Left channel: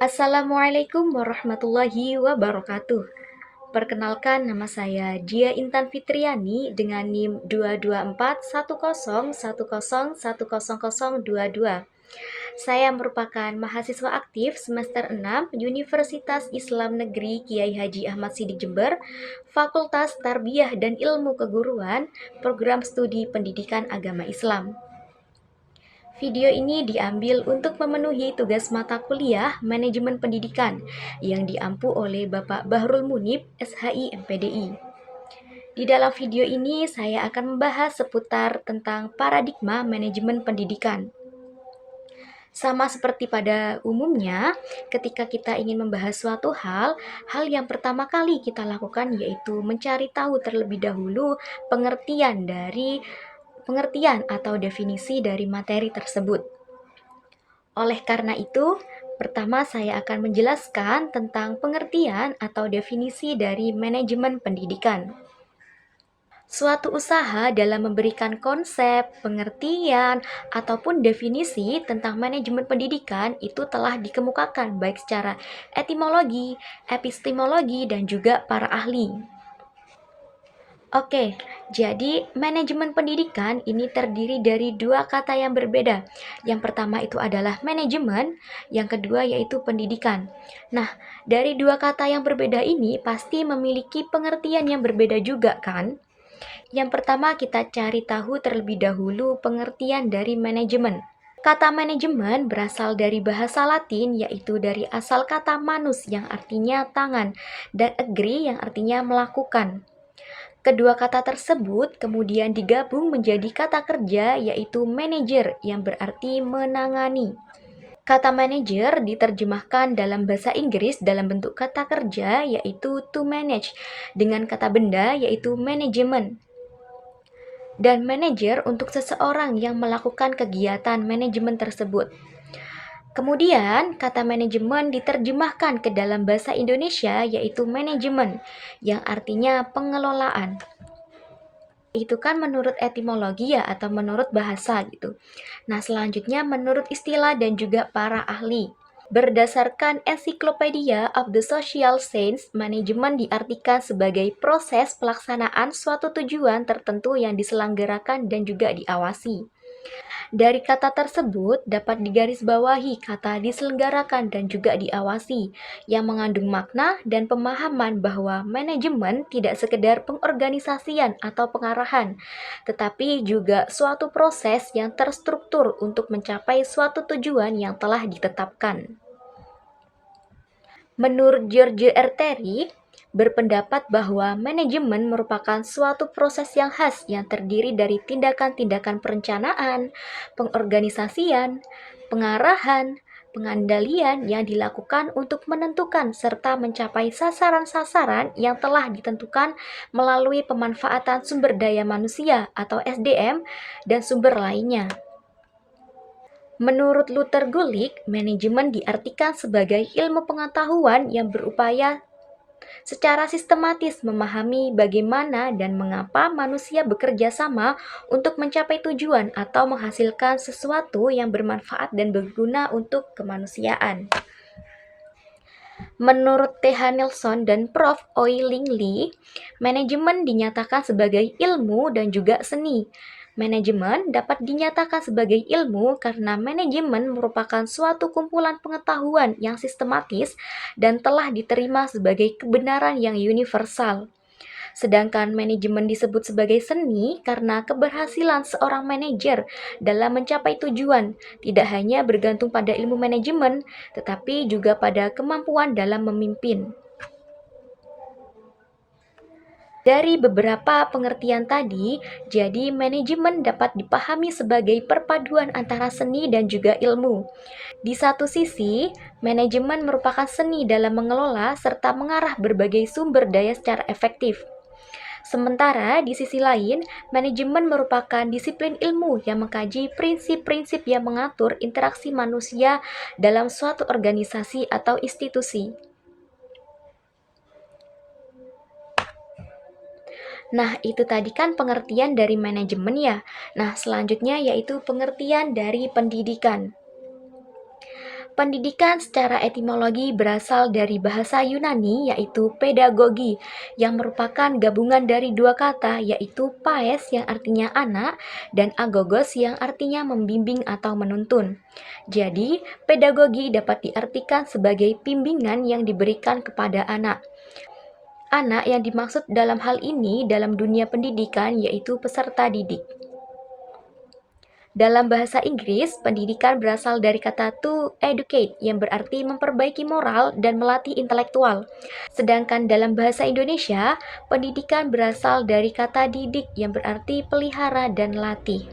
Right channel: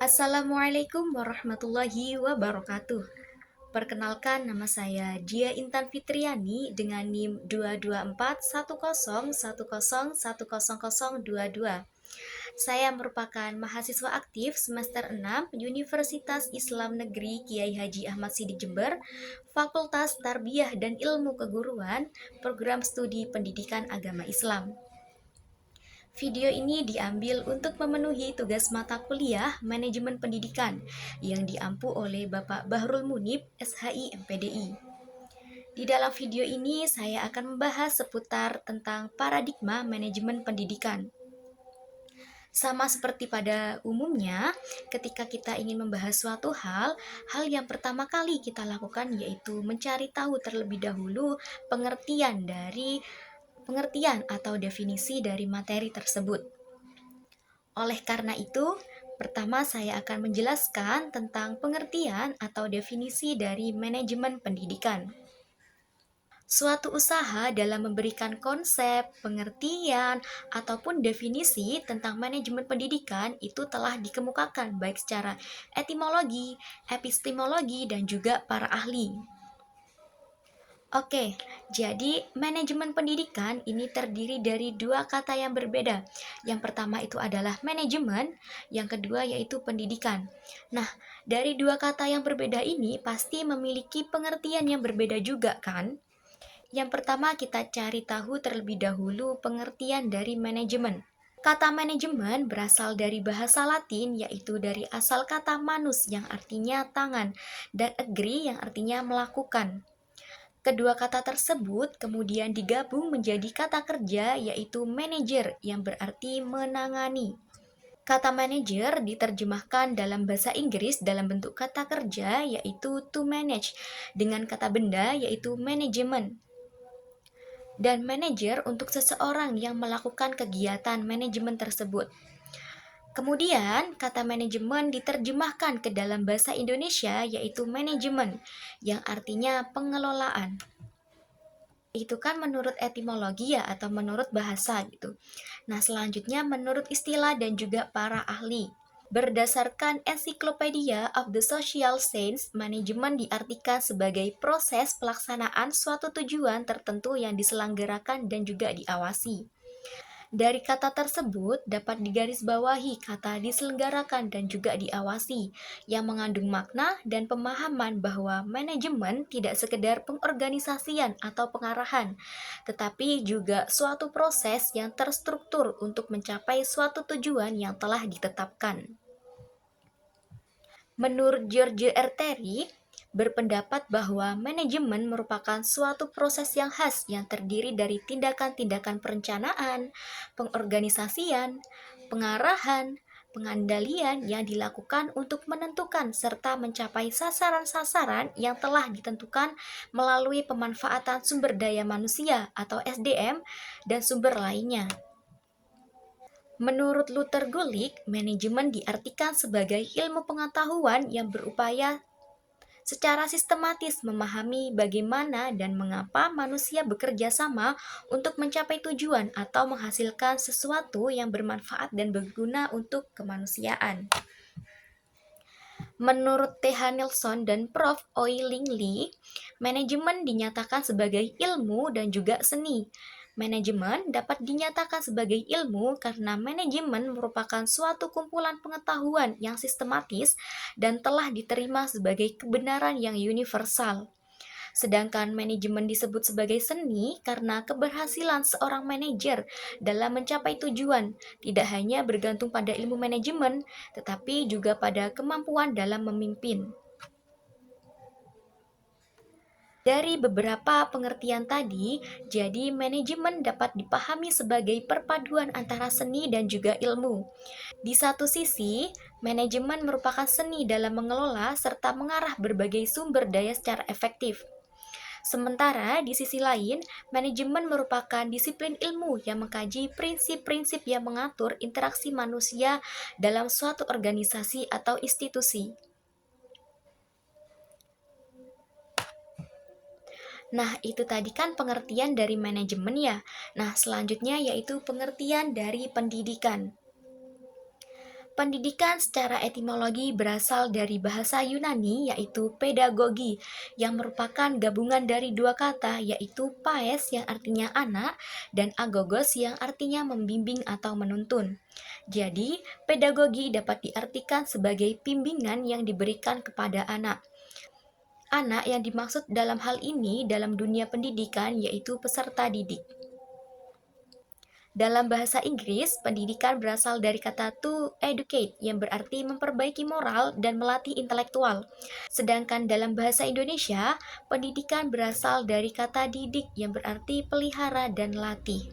Assalamualaikum warahmatullahi wabarakatuh. Perkenalkan, nama saya Dia Intan Fitriani dengan NIM 22410101022. Saya merupakan mahasiswa aktif semester 6 Universitas Islam Negeri Kiai Haji Ahmad Sidik Jember, Fakultas Tarbiyah dan Ilmu Keguruan, Program Studi Pendidikan Agama Islam. Video ini diambil untuk memenuhi tugas mata kuliah Manajemen Pendidikan yang diampu oleh Bapak Bahrul Munib, SHI MPDI. Di dalam video ini saya akan membahas seputar tentang paradigma manajemen pendidikan. Sama seperti pada umumnya, ketika kita ingin membahas suatu hal yang pertama kali kita lakukan yaitu mencari tahu terlebih dahulu pengertian atau definisi dari materi tersebut. Oleh karena itu, pertama saya akan menjelaskan tentang pengertian atau definisi dari manajemen pendidikan. Suatu usaha dalam memberikan konsep, pengertian, ataupun definisi tentang manajemen pendidikan itu telah dikemukakan baik secara etimologi, epistemologi, dan juga para ahli. Oke, jadi manajemen pendidikan ini terdiri dari dua kata yang berbeda. Yang pertama itu adalah manajemen, yang kedua yaitu pendidikan. Nah, dari dua kata yang berbeda ini pasti memiliki pengertian yang berbeda juga kan? Yang pertama kita cari tahu terlebih dahulu pengertian dari manajemen. Kata manajemen berasal dari bahasa Latin yaitu dari asal kata manus yang artinya tangan dan agree yang artinya melakukan. Kedua kata tersebut kemudian digabung menjadi kata kerja yaitu manager yang berarti menangani. Kata manager diterjemahkan dalam bahasa Inggris dalam bentuk kata kerja yaitu to manage dengan kata benda yaitu management. Dan manager untuk seseorang yang melakukan kegiatan manajemen tersebut. Kemudian, kata manajemen diterjemahkan ke dalam bahasa Indonesia yaitu manajemen yang artinya pengelolaan. Itu kan menurut etimologi ya atau menurut bahasa gitu. Nah, selanjutnya menurut istilah dan juga para ahli. Berdasarkan Encyclopedia of the Social Science, manajemen diartikan sebagai proses pelaksanaan suatu tujuan tertentu yang diselenggarakan dan juga diawasi. Dari kata tersebut dapat digarisbawahi kata diselenggarakan dan juga diawasi yang mengandung makna dan pemahaman bahwa manajemen tidak sekedar pengorganisasian atau pengarahan, tetapi juga suatu proses yang terstruktur untuk mencapai suatu tujuan yang telah ditetapkan. Menurut George R. Terry, berpendapat bahwa manajemen merupakan suatu proses yang khas yang terdiri dari tindakan-tindakan perencanaan, pengorganisasian, pengarahan, pengandalian yang dilakukan untuk menentukan serta mencapai sasaran-sasaran yang telah ditentukan melalui pemanfaatan sumber daya manusia atau SDM dan sumber lainnya. Menurut Luther Gulick, manajemen diartikan sebagai ilmu pengetahuan yang berupaya secara sistematis memahami bagaimana dan mengapa manusia bekerja sama untuk mencapai tujuan atau menghasilkan sesuatu yang bermanfaat dan berguna untuk kemanusiaan. Menurut T.H. Nelson dan Prof. Oi-Ling Lee, manajemen dinyatakan sebagai ilmu dan juga seni. Manajemen dapat dinyatakan sebagai ilmu karena manajemen merupakan suatu kumpulan pengetahuan yang sistematis dan telah diterima sebagai kebenaran yang universal. Sedangkan manajemen disebut sebagai seni karena keberhasilan seorang manajer dalam mencapai tujuan tidak hanya bergantung pada ilmu manajemen, tetapi juga pada kemampuan dalam memimpin. Dari beberapa pengertian tadi, jadi manajemen dapat dipahami sebagai perpaduan antara seni dan juga ilmu. Di satu sisi, manajemen merupakan seni dalam mengelola serta mengarah berbagai sumber daya secara efektif. Sementara di sisi lain, manajemen merupakan disiplin ilmu yang mengkaji prinsip-prinsip yang mengatur interaksi manusia dalam suatu organisasi atau institusi. Nah, itu tadi kan pengertian dari manajemen ya. Nah, selanjutnya yaitu pengertian dari pendidikan. Pendidikan secara etimologi berasal dari bahasa Yunani yaitu pedagogi yang merupakan gabungan dari dua kata yaitu paes yang artinya anak dan agogos yang artinya membimbing atau menuntun. Jadi, pedagogi dapat diartikan sebagai bimbingan yang diberikan kepada anak. Anak yang dimaksud dalam hal ini dalam dunia pendidikan yaitu peserta didik. Dalam bahasa Inggris, pendidikan berasal dari kata to educate yang berarti memperbaiki moral dan melatih intelektual. Sedangkan dalam bahasa Indonesia, pendidikan berasal dari kata didik yang berarti pelihara dan latih.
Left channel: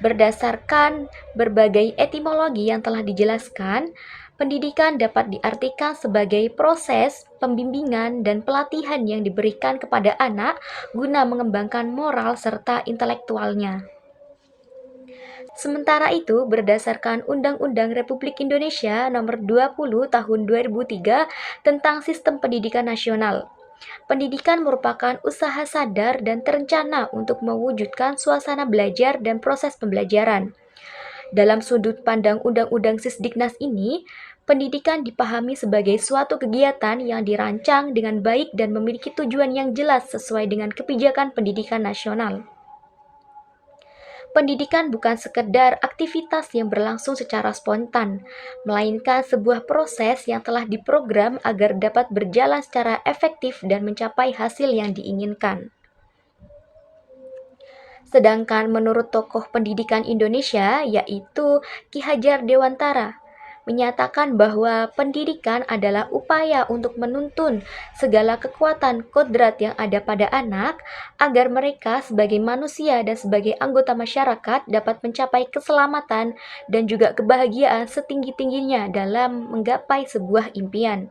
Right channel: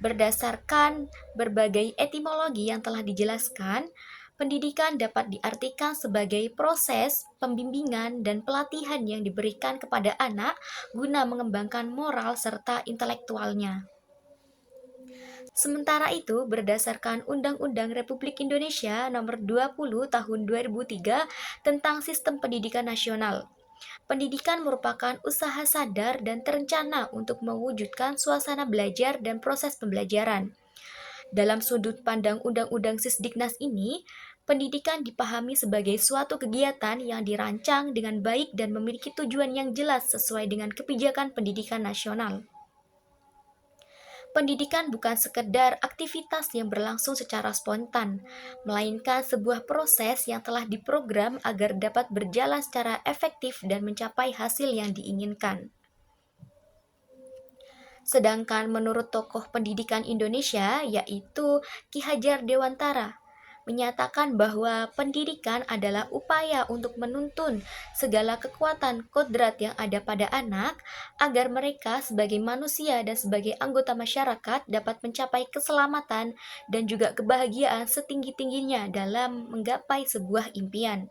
Berdasarkan berbagai etimologi yang telah dijelaskan, pendidikan dapat diartikan sebagai proses pembimbingan dan pelatihan yang diberikan kepada anak guna mengembangkan moral serta intelektualnya. Sementara itu, berdasarkan Undang-Undang Republik Indonesia Nomor 20 Tahun 2003 tentang Sistem Pendidikan Nasional, pendidikan merupakan usaha sadar dan terencana untuk mewujudkan suasana belajar dan proses pembelajaran. Dalam sudut pandang Undang-Undang Sisdiknas ini, pendidikan dipahami sebagai suatu kegiatan yang dirancang dengan baik dan memiliki tujuan yang jelas sesuai dengan kebijakan pendidikan nasional. Pendidikan bukan sekedar aktivitas yang berlangsung secara spontan, melainkan sebuah proses yang telah diprogram agar dapat berjalan secara efektif dan mencapai hasil yang diinginkan. Sedangkan menurut tokoh pendidikan Indonesia, yaitu Ki Hajar Dewantara, menyatakan bahwa pendidikan adalah upaya untuk menuntun segala kekuatan kodrat yang ada pada anak agar mereka sebagai manusia dan sebagai anggota masyarakat dapat mencapai keselamatan dan juga kebahagiaan setinggi-tingginya dalam menggapai sebuah impian.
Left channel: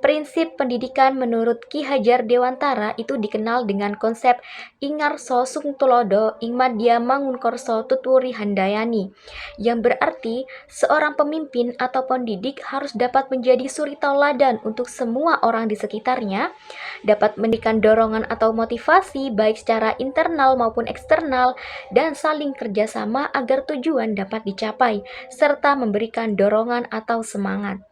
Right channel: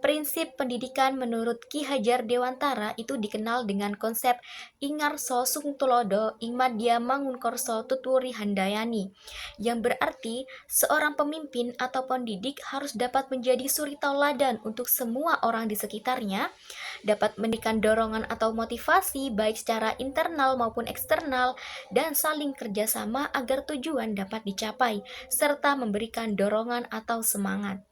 Prinsip pendidikan menurut Ki Hajar Dewantara itu dikenal dengan konsep Ingarso Sungtulodo Imadya Mangunkorso Tuturi Handayani, yang berarti seorang pemimpin atau pendidik harus dapat menjadi suri tauladan untuk semua orang di sekitarnya, dapat memberikan dorongan atau motivasi baik secara internal maupun eksternal, dan saling kerjasama agar tujuan dapat dicapai, serta memberikan dorongan atau semangat.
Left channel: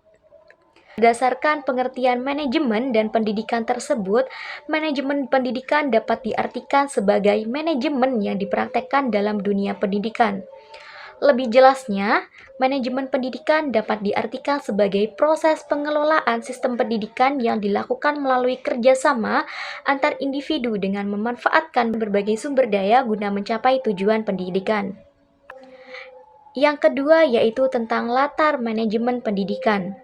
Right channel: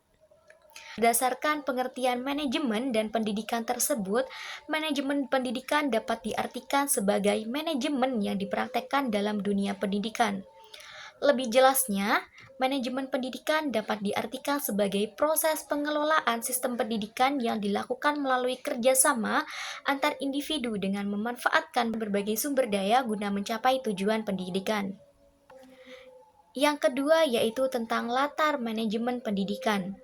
Berdasarkan pengertian manajemen dan pendidikan tersebut, manajemen pendidikan dapat diartikan sebagai manajemen yang dipraktekkan dalam dunia pendidikan. Lebih jelasnya, manajemen pendidikan dapat diartikan sebagai proses pengelolaan sistem pendidikan yang dilakukan melalui kerjasama antar individu dengan memanfaatkan berbagai sumber daya guna mencapai tujuan pendidikan. Yang kedua yaitu tentang latar manajemen pendidikan.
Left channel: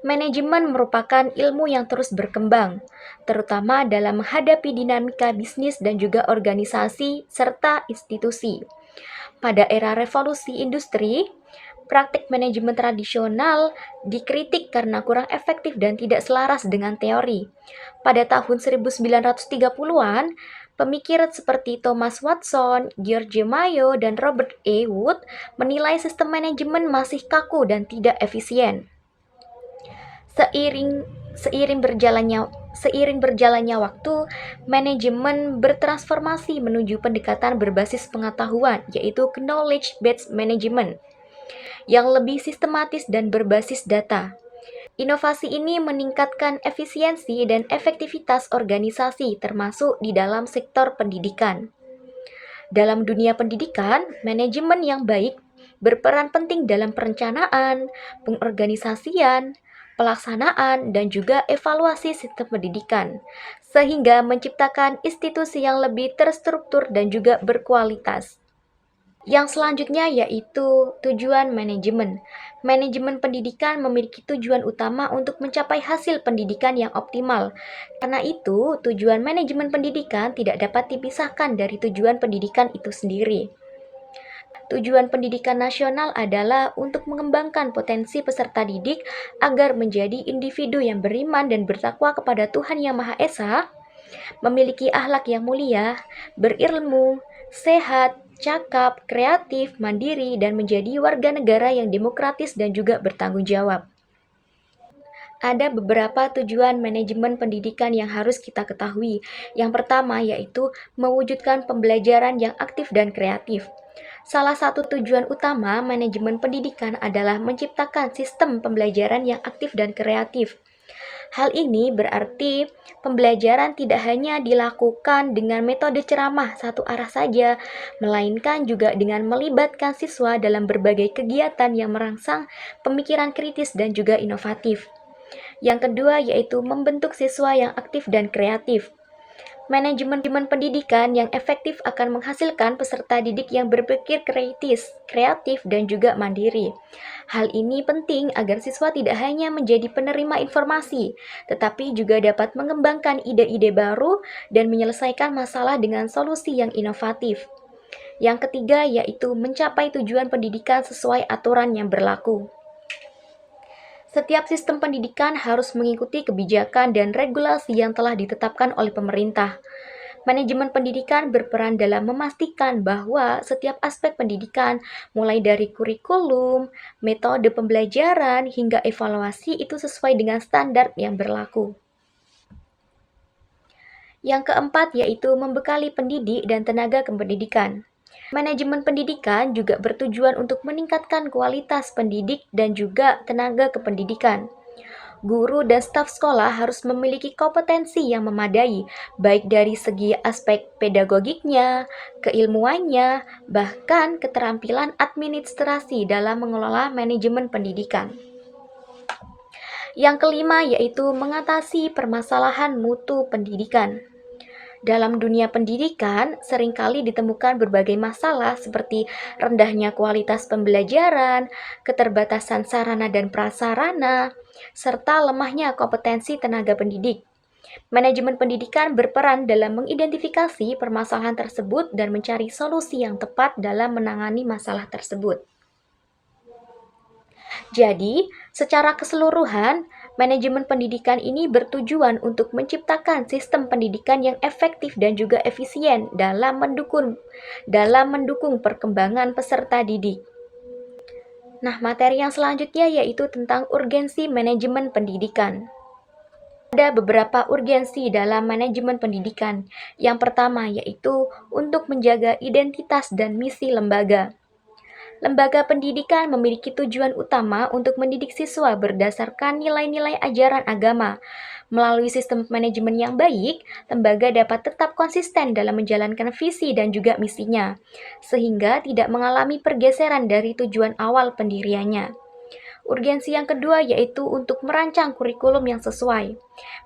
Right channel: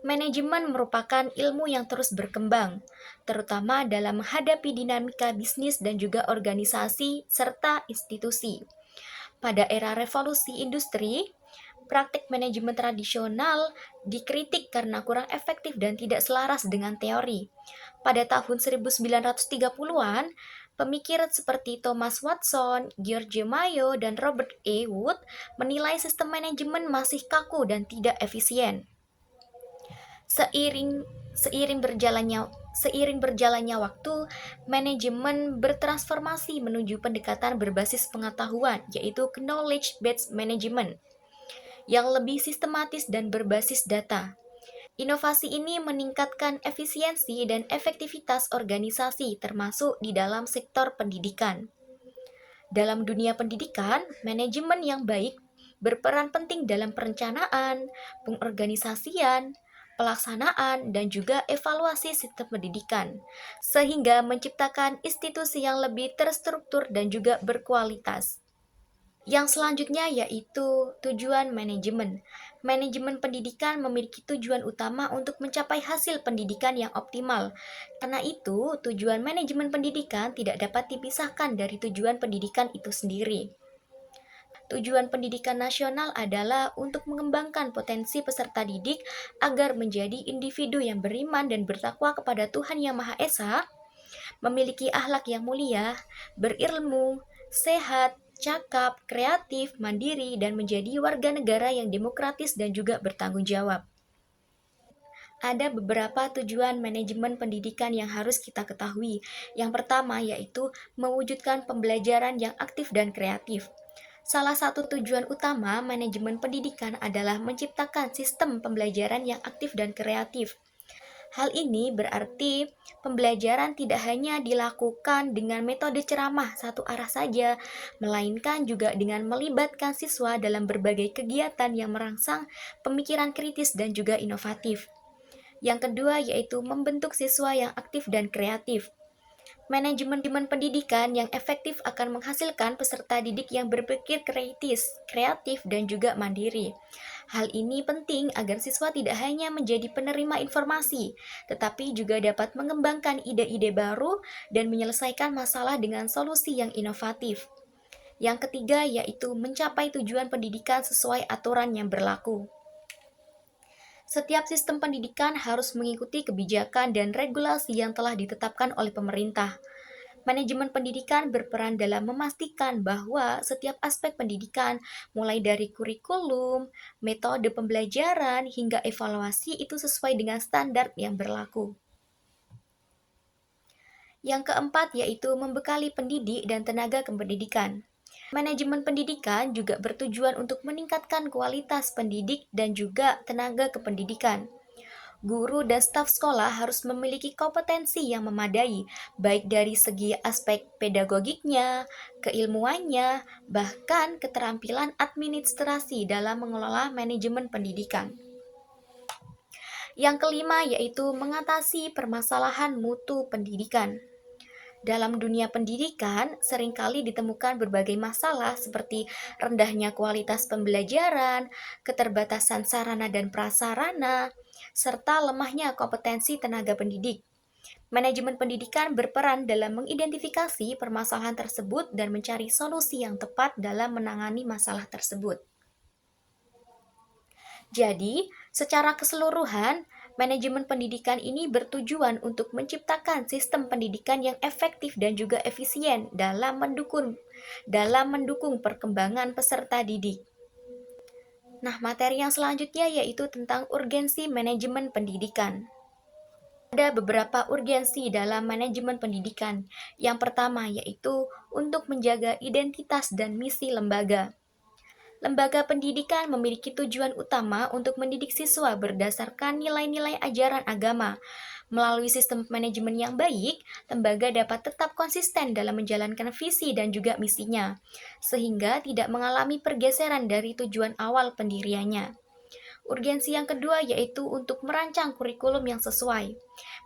Manajemen merupakan ilmu yang terus berkembang, terutama dalam menghadapi dinamika bisnis dan juga organisasi serta institusi. Pada era revolusi industri, praktik manajemen tradisional dikritik karena kurang efektif dan tidak selaras dengan teori. Pada tahun 1930-an, pemikir seperti Thomas Watson, George Mayo, dan Robert E. Wood menilai sistem manajemen masih kaku dan tidak efisien. Seiring berjalannya waktu, manajemen bertransformasi menuju pendekatan berbasis pengetahuan, yaitu knowledge-based management, yang lebih sistematis dan berbasis data. Inovasi ini meningkatkan efisiensi dan efektivitas organisasi, termasuk di dalam sektor pendidikan. Dalam dunia pendidikan, manajemen yang baik berperan penting dalam perencanaan, pengorganisasian, pelaksanaan, dan juga evaluasi sistem pendidikan, sehingga menciptakan institusi yang lebih terstruktur dan juga berkualitas. Yang selanjutnya yaitu tujuan manajemen. Manajemen pendidikan memiliki tujuan utama untuk mencapai hasil pendidikan yang optimal. Karena itu, tujuan manajemen pendidikan tidak dapat dipisahkan dari tujuan pendidikan itu sendiri. Tujuan pendidikan nasional adalah untuk mengembangkan potensi peserta didik agar menjadi individu yang beriman dan bertakwa kepada Tuhan Yang Maha Esa, memiliki akhlak yang mulia, berilmu, sehat, cakap, kreatif, mandiri, dan menjadi warga negara yang demokratis dan juga bertanggung jawab. Ada beberapa tujuan manajemen pendidikan yang harus kita ketahui. Yang pertama yaitu mewujudkan pembelajaran yang aktif dan kreatif. Salah satu tujuan utama manajemen pendidikan adalah menciptakan sistem pembelajaran yang aktif dan kreatif. Hal ini berarti pembelajaran tidak hanya dilakukan dengan metode ceramah satu arah saja, melainkan juga dengan melibatkan siswa dalam berbagai kegiatan yang merangsang pemikiran kritis dan juga inovatif. Yang kedua yaitu membentuk siswa yang aktif dan kreatif. Manajemen pendidikan yang efektif akan menghasilkan peserta didik yang berpikir kritis, kreatif, dan juga mandiri. Hal ini penting agar siswa tidak hanya menjadi penerima informasi, tetapi juga dapat mengembangkan ide-ide baru dan menyelesaikan masalah dengan solusi yang inovatif. Yang ketiga yaitu mencapai tujuan pendidikan sesuai aturan yang berlaku. Setiap sistem pendidikan harus mengikuti kebijakan dan regulasi yang telah ditetapkan oleh pemerintah. Manajemen pendidikan berperan dalam memastikan bahwa setiap aspek pendidikan, mulai dari kurikulum, metode pembelajaran, hingga evaluasi itu sesuai dengan standar yang berlaku. Yang keempat yaitu membekali pendidik dan tenaga kependidikan. Manajemen pendidikan juga bertujuan untuk meningkatkan kualitas pendidik dan juga tenaga kependidikan. Guru dan staf sekolah harus memiliki kompetensi yang memadai, baik dari segi aspek pedagogiknya, keilmuannya, bahkan keterampilan administrasi dalam mengelola manajemen pendidikan. Yang kelima yaitu mengatasi permasalahan mutu pendidikan. Dalam dunia pendidikan, seringkali ditemukan berbagai masalah seperti rendahnya kualitas pembelajaran, keterbatasan sarana dan prasarana, serta lemahnya kompetensi tenaga pendidik. Manajemen pendidikan berperan dalam mengidentifikasi permasalahan tersebut dan mencari solusi yang tepat dalam menangani masalah tersebut. Jadi, secara keseluruhan, manajemen pendidikan ini bertujuan untuk menciptakan sistem pendidikan yang efektif dan juga efisien dalam mendukung perkembangan peserta didik. Nah, materi yang selanjutnya yaitu tentang urgensi manajemen pendidikan. Ada beberapa urgensi dalam manajemen pendidikan. Yang pertama yaitu untuk menjaga identitas dan misi lembaga. Lembaga pendidikan memiliki tujuan utama untuk mendidik siswa berdasarkan nilai-nilai ajaran agama. Melalui sistem manajemen yang baik, lembaga dapat tetap konsisten dalam menjalankan visi dan juga misinya, sehingga tidak mengalami pergeseran dari tujuan awal pendiriannya. Urgensi yang kedua yaitu untuk merancang kurikulum yang sesuai.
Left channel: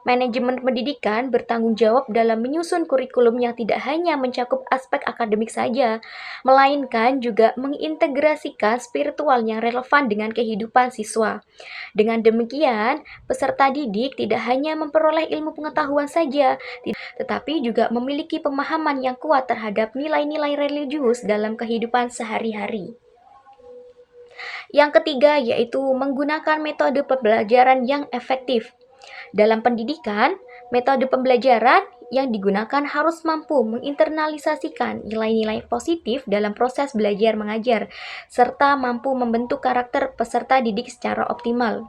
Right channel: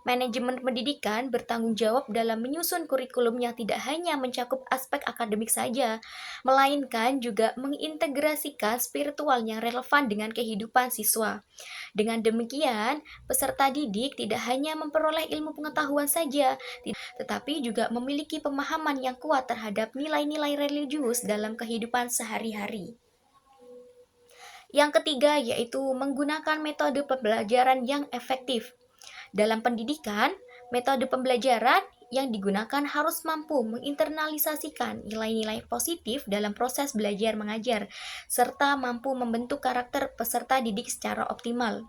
Manajemen pendidikan bertanggung jawab dalam menyusun kurikulum yang tidak hanya mencakup aspek akademik saja, melainkan juga mengintegrasikan spiritual yang relevan dengan kehidupan siswa. Dengan demikian, peserta didik tidak hanya memperoleh ilmu pengetahuan saja, tetapi juga memiliki pemahaman yang kuat terhadap nilai-nilai religius dalam kehidupan sehari-hari. Yang ketiga yaitu menggunakan metode pembelajaran yang efektif. Dalam pendidikan, metode pembelajaran yang digunakan harus mampu menginternalisasikan nilai-nilai positif dalam proses belajar mengajar, serta mampu membentuk karakter peserta didik secara optimal.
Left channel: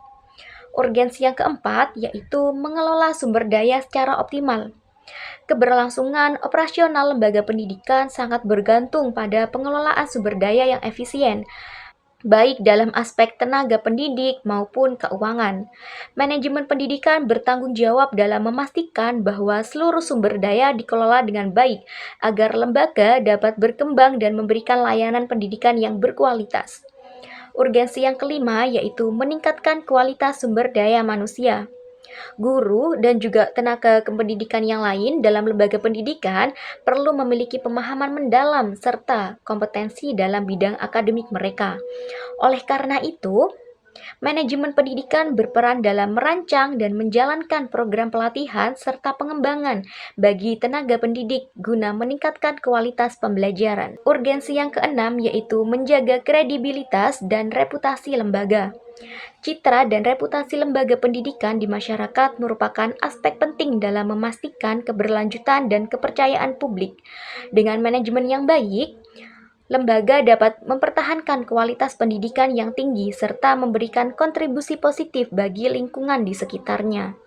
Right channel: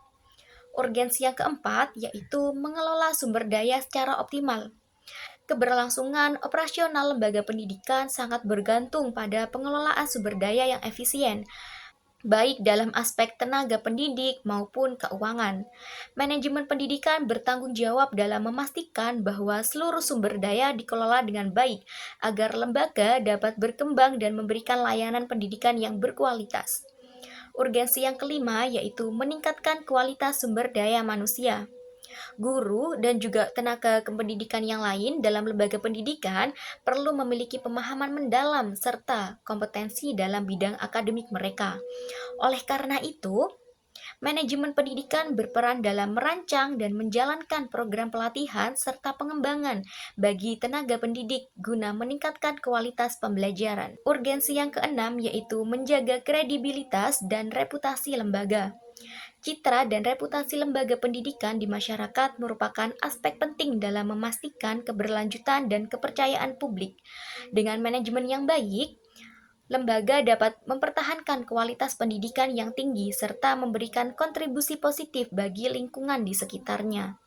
Urgensi yang keempat yaitu mengelola sumber daya secara optimal. Keberlangsungan operasional lembaga pendidikan sangat bergantung pada pengelolaan sumber daya yang efisien, baik dalam aspek tenaga pendidik maupun keuangan. Manajemen pendidikan bertanggung jawab dalam memastikan bahwa seluruh sumber daya dikelola dengan baik agar lembaga dapat berkembang dan memberikan layanan pendidikan yang berkualitas. Urgensi yang kelima yaitu meningkatkan kualitas sumber daya manusia. Guru dan juga tenaga kependidikan yang lain dalam lembaga pendidikan perlu memiliki pemahaman mendalam serta kompetensi dalam bidang akademik mereka. Oleh karena itu, manajemen pendidikan berperan dalam merancang dan menjalankan program pelatihan serta pengembangan bagi tenaga pendidik guna meningkatkan kualitas pembelajaran. Urgensi yang keenam yaitu menjaga kredibilitas dan reputasi lembaga. Citra dan reputasi lembaga pendidikan di masyarakat merupakan aspek penting dalam memastikan keberlanjutan dan kepercayaan publik. Dengan manajemen yang baik, lembaga dapat mempertahankan kualitas pendidikan yang tinggi serta memberikan kontribusi positif bagi lingkungan di sekitarnya.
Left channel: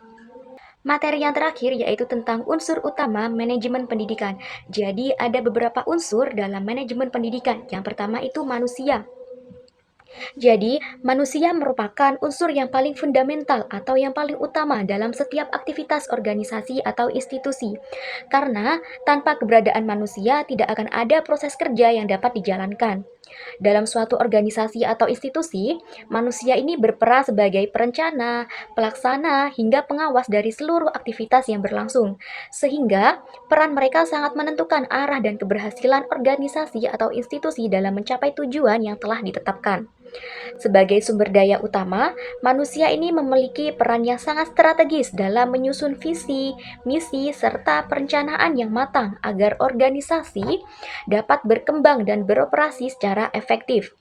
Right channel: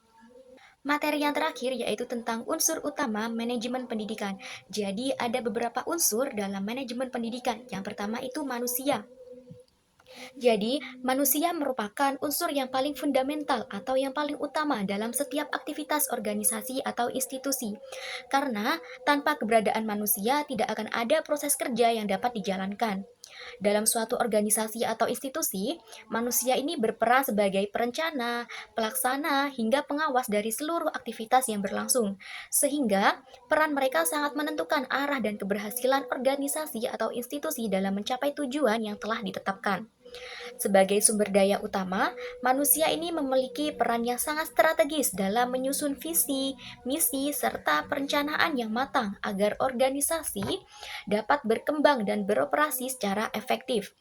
Materi yang terakhir yaitu tentang unsur utama manajemen pendidikan. Jadi ada beberapa unsur dalam manajemen pendidikan. Yang pertama itu manusia. Jadi, manusia merupakan unsur yang paling fundamental atau yang paling utama dalam setiap aktivitas organisasi atau institusi. Karena tanpa keberadaan manusia tidak akan ada proses kerja yang dapat dijalankan. Dalam suatu organisasi atau institusi, manusia ini berperan sebagai perencana, pelaksana, hingga pengawas dari seluruh aktivitas yang berlangsung. Sehingga peran mereka sangat menentukan arah dan keberhasilan organisasi atau institusi dalam mencapai tujuan yang telah ditetapkan. Sebagai sumber daya utama, manusia ini memiliki peran yang sangat strategis dalam menyusun visi, misi, serta perencanaan yang matang agar organisasi dapat berkembang dan beroperasi secara efektif.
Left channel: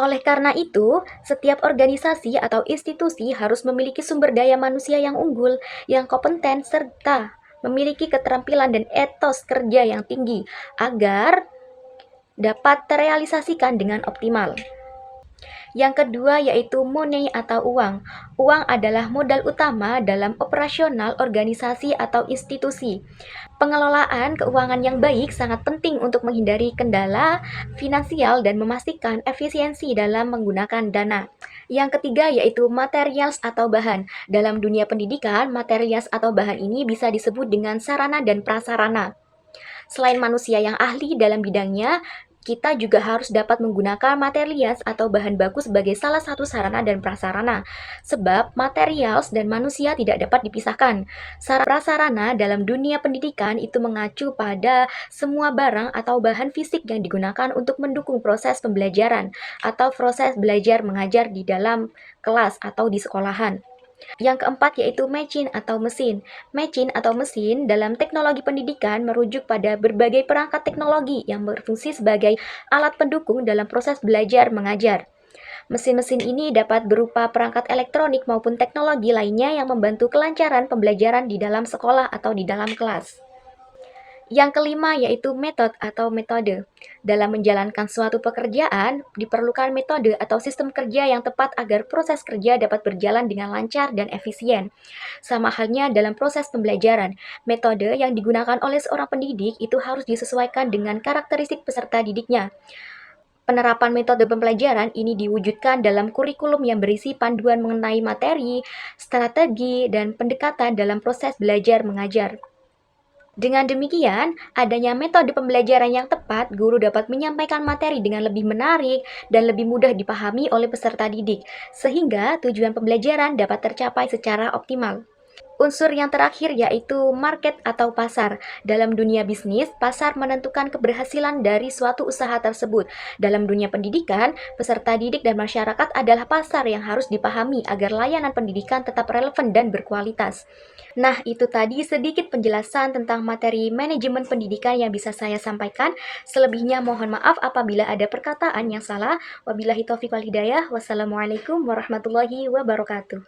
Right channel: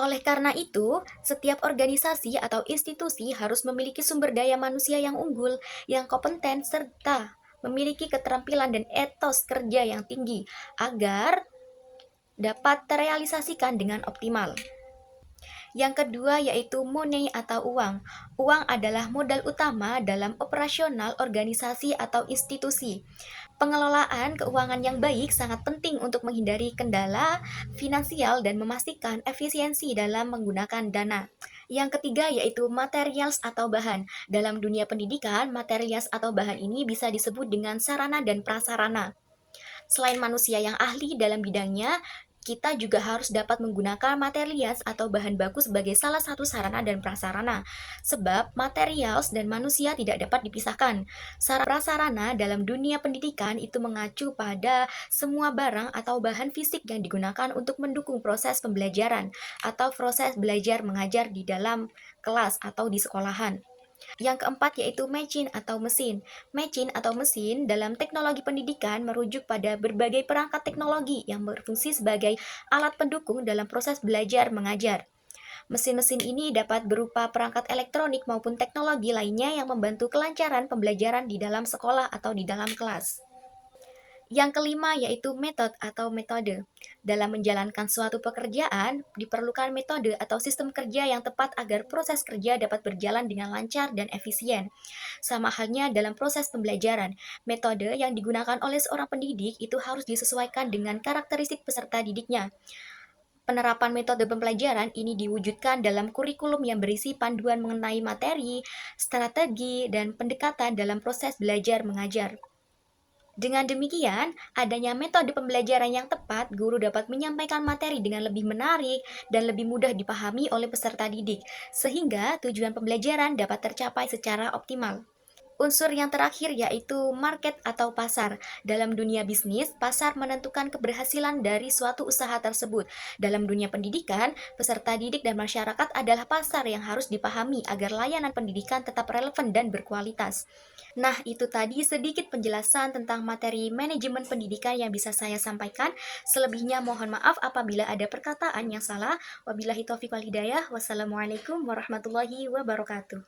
Oleh karena itu, setiap organisasi atau institusi harus memiliki sumber daya manusia yang unggul, yang kompeten, serta memiliki keterampilan dan etos kerja yang tinggi agar dapat terrealisasikan dengan optimal. Yang kedua yaitu money atau uang. Uang adalah modal utama dalam operasional organisasi atau institusi. Pengelolaan keuangan yang baik sangat penting untuk menghindari kendala finansial dan memastikan efisiensi dalam menggunakan dana. Yang ketiga yaitu materials atau bahan. Dalam dunia pendidikan, materials atau bahan ini bisa disebut dengan sarana dan prasarana. Selain manusia yang ahli dalam bidangnya, kita juga harus dapat menggunakan materials atau bahan baku sebagai salah satu sarana dan prasarana. Sebab materials dan manusia tidak dapat dipisahkan. Prasarana dalam dunia pendidikan itu mengacu pada semua barang atau bahan fisik yang digunakan untuk mendukung proses pembelajaran atau proses belajar mengajar di dalam kelas atau di sekolahan. Yang keempat yaitu machine atau mesin. Machine atau mesin dalam teknologi pendidikan merujuk pada berbagai perangkat teknologi yang berfungsi sebagai alat pendukung dalam proses belajar mengajar. Mesin-mesin ini dapat berupa perangkat elektronik maupun teknologi lainnya yang membantu kelancaran pembelajaran di dalam sekolah atau di dalam kelas. Yang kelima yaitu metode. Dalam menjalankan suatu pekerjaan, diperlukan metode atau sistem kerja yang tepat agar proses kerja dapat berjalan dengan lancar dan efisien. Sama halnya dalam proses pembelajaran, metode yang digunakan oleh seorang pendidik itu harus disesuaikan dengan karakteristik peserta didiknya. Penerapan metode pembelajaran ini diwujudkan dalam kurikulum yang berisi panduan mengenai materi, strategi, dan pendekatan dalam proses belajar mengajar. Dengan demikian, adanya metode pembelajaran yang tepat, guru dapat menyampaikan materi dengan lebih menarik dan lebih mudah dipahami oleh peserta didik, sehingga tujuan pembelajaran dapat tercapai secara optimal. Unsur yang terakhir yaitu market atau pasar. Dalam dunia bisnis, pasar menentukan keberhasilan dari suatu usaha tersebut. Dalam dunia pendidikan, peserta didik dan masyarakat adalah pasar yang harus dipahami agar layanan pendidikan tetap relevan dan berkualitas. Nah, itu tadi sedikit penjelasan tentang materi manajemen pendidikan yang bisa saya sampaikan. Selebihnya mohon maaf apabila ada perkataan yang salah. Wabillahi taufiq wal hidayah. Wassalamualaikum warahmatullahi wabarakatuh.